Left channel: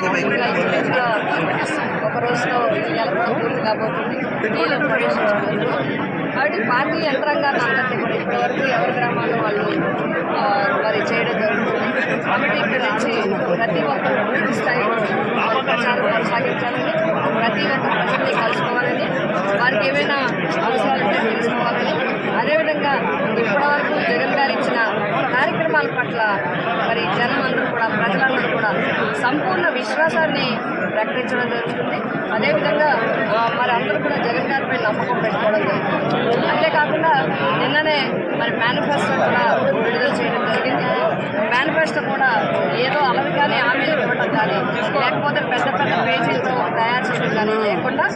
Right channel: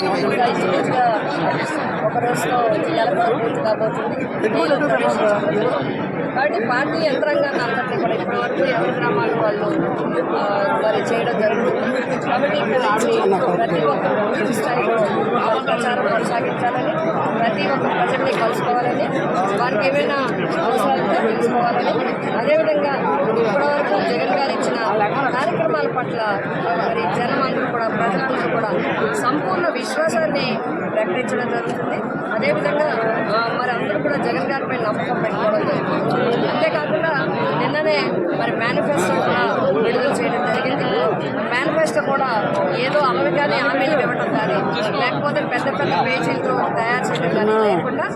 ఇంకా ఇంచుమించుగా ఒక రోజులో జిల్లాలో కూడా పూర్తి కాబోతుంది. నీళ్ళు ప్రవేశించబోతుంది. కాబట్టి పార్టీ యంత్రాంగాన్ని అందరికీ కూడా ఇప్పటి వరకు ఎవరి గ్రామాలు వాళ్ళు మరి చేయడం జరుగుతుంది. కాబట్టి ఇక్కడ నుంచి ప్రతి ఒక్కరు పూర్తి స్థాయిలో ప్రచారం కొనసాగించాలని, ప్రతి ఒక్క ప్రజల్ని కలుసుకోవాలని, వారికి ఏమైనా అవసరాలు ఉంటే తెలుసుకోవాలని, అదేవిధంగా ఇప్పటివరకు జగన్ గారు ఇచ్చిన కార్యక్రమాల పట్ల మరి జనం అందరూ కూడా ప్రజలందరూ కూడా సంపూర్ణ విశ్వాసాన్ని ప్రకటించడం జరుగుతుంది. అదేవిధంగా మరి అందరూ కూడా జగన్ గారిపై నమ్మకం పెట్టుకోవడం జరుగుతుంది. అంతేకాకుండా నిన్ననే మరి మేనిఫెస్టో కూడా విడుదల చేయడం జరిగింది. మేనిఫెస్టో కూడా ఏదో అలవిగానే హామీలు ఇవ్వడం కానీ, లేకపోతే పెద్ద పెద్ద పేజీలతో తయారు చేయడం కానీ లేకుండా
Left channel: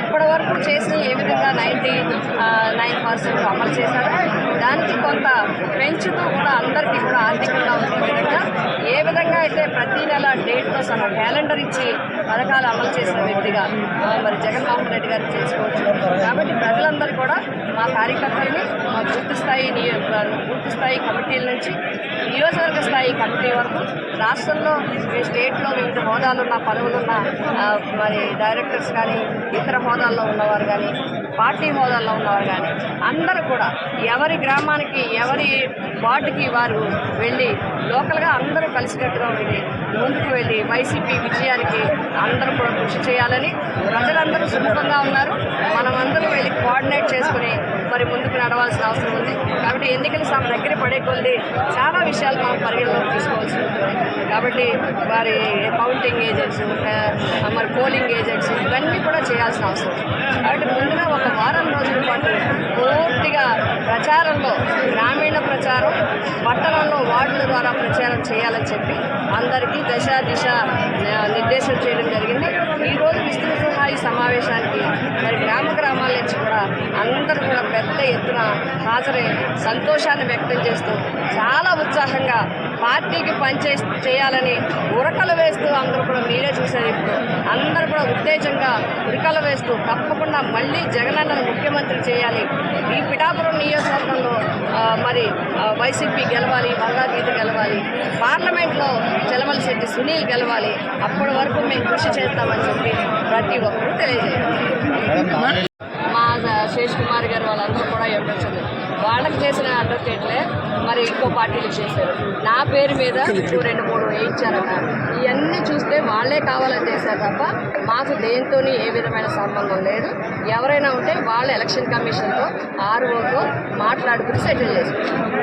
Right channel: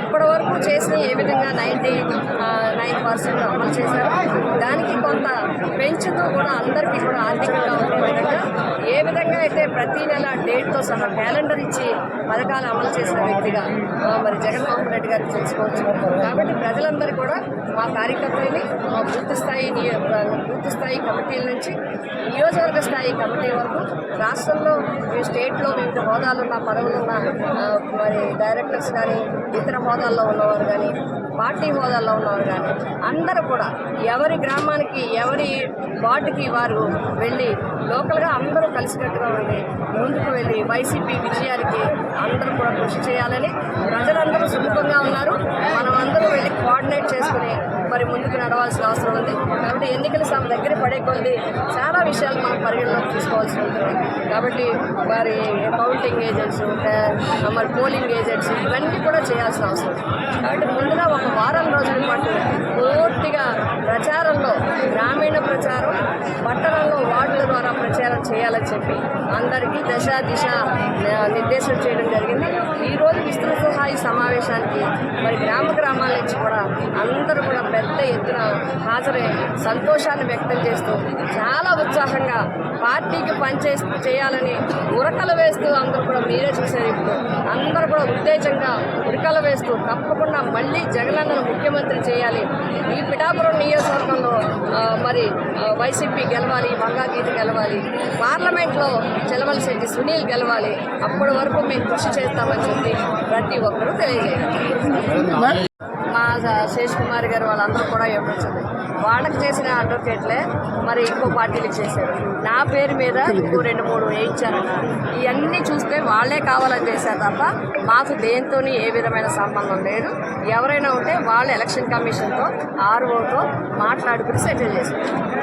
ఇప్పటి వరకు చేసిన ఏ విధంగా 99% అమలు చేశారో దానికి కొంత పెంచుతూ కూడా అందరికీ కూడా ఆర్థికంగా ఉండే విధంగా ఏ విధంగా అయితే ప్రతి నెల డేట్తో సహా క్యాలెండర్ ఇచ్చి పథకాలు అమలు చేసిన వ్యక్తిగా మరి జగన్మోహన్ రెడ్డి గారిని తెలుసుకోవచ్చు. కాబట్టి ప్రజలందరూ కూడా మా కార్యకర్తల్ని మా బూత్ స్థాయి కమిటీల నుంచి నియోజకవర్గ స్థాయి కమిటీ వరకు రాష్ట్రంలో స్టేట్లో వివిధ హోదాలున్న పదవులున్న మరి డైరెక్టర్స్ కానీ, ఇతర హోదాల్లో ఉన్నవారు కానీ, పార్టీ హోదాల్లో ఉన్నవారు కానీ అందరూ కూడా ఎవరి గ్రామానికి ఎవరి వార్డుకి వారు వెళ్ళి లోకల్గా అందరూ కలిసికట్టుగా ఉండి ముందుకు వెళ్ళి వైసీపీ విజయానికి అందరూ కూడా కృషి చేయాలని, ప్రజలందరూ సుముఖంగా ఉన్నారు. మనమందరూ వెళ్ళి కోఆర్డినేట్ చేసుకుని మరి ముందుకు నడవాల్సిన అవసరం ఉంది. కాబట్టి ఎన్నికల దగ్గర పడే కొద్ది చాలా విషయాలు మనం పరిగణలోకి తీసుకోవాల్సి ఉంటుంది. కాబట్టి వారి కౌంటింగ్ ఏజెంట్స్, మరి పోలింగ్ ఏజెంట్స్ ఇవన్నీ కూడా చేయాల్సిన అవసరం ఉంది. కాబట్టి ముందుగా ఒక వారం రోజుల పాటు పూర్తిగా ప్రచారంలో గ్రామీణ ప్రచారం, పట్టణంలో వార్డుల ద్వారా ప్రచారం చేయాలని చెప్పి అందరికీ దిశ నిర్దేశం చేయడం జరిగింది. ఈరోజు విస్తృత స్థాయి సమావేశానికి మరి గ్రామాల నుంచి కూడా అందరూ కూడా పెద్ద ఎత్తున హాజరై సంతోషాన్ని వ్యక్తం చేస్తూ చాలా ఉత్సాహంగా పార్టీకి చేయాలని ఉరకలు వేస్తూ అందరూ కూడా మీరే చూసేది. ఇప్పుడు అందరూ కూడా ఉత్తేజంగా ఉరకలు వేస్తూ తప్పకుండా మళ్ళీ జగనన్నను ముఖ్యమంత్రి చేయాలి, ఈ పిఠాపురం నియోజకవర్గంలో మరి వైసీపీ గెలవాలి, బంగాగీత గెలవాలి, పార్లమెంట్లో చెలమలశెట్టి సునీల్ గెలవాలి, అప్పటి వరకు మేము కృషి చేస్తామని చెప్పి ప్రతి ఒక్కరూ తెలియజేయాలి. మా శేష్ కుమార్ గారు వాళ్ళందరూ కూడా ఇవ్వచ్చు. వాళ్ళకి చేసిన అడ్వకేట్లే మరి ఇంకో పార్టీలకు చేశారు. నా పేరు మీద ఇంకో 2-3 వేయించారన్నారు. ఇవన్నీ చూస్తే వాళ్ళే కావాలని చేశారు తప్ప మాకు దేంతో ఏ విధమైన సంబంధం లేదు. ఎవరైనా ఉంటే వాళ్ళు ఎలక్షన్ కమిషన్తో ROతో మాట్లాడుకుని సెటిల్ చేసుకుంటారు.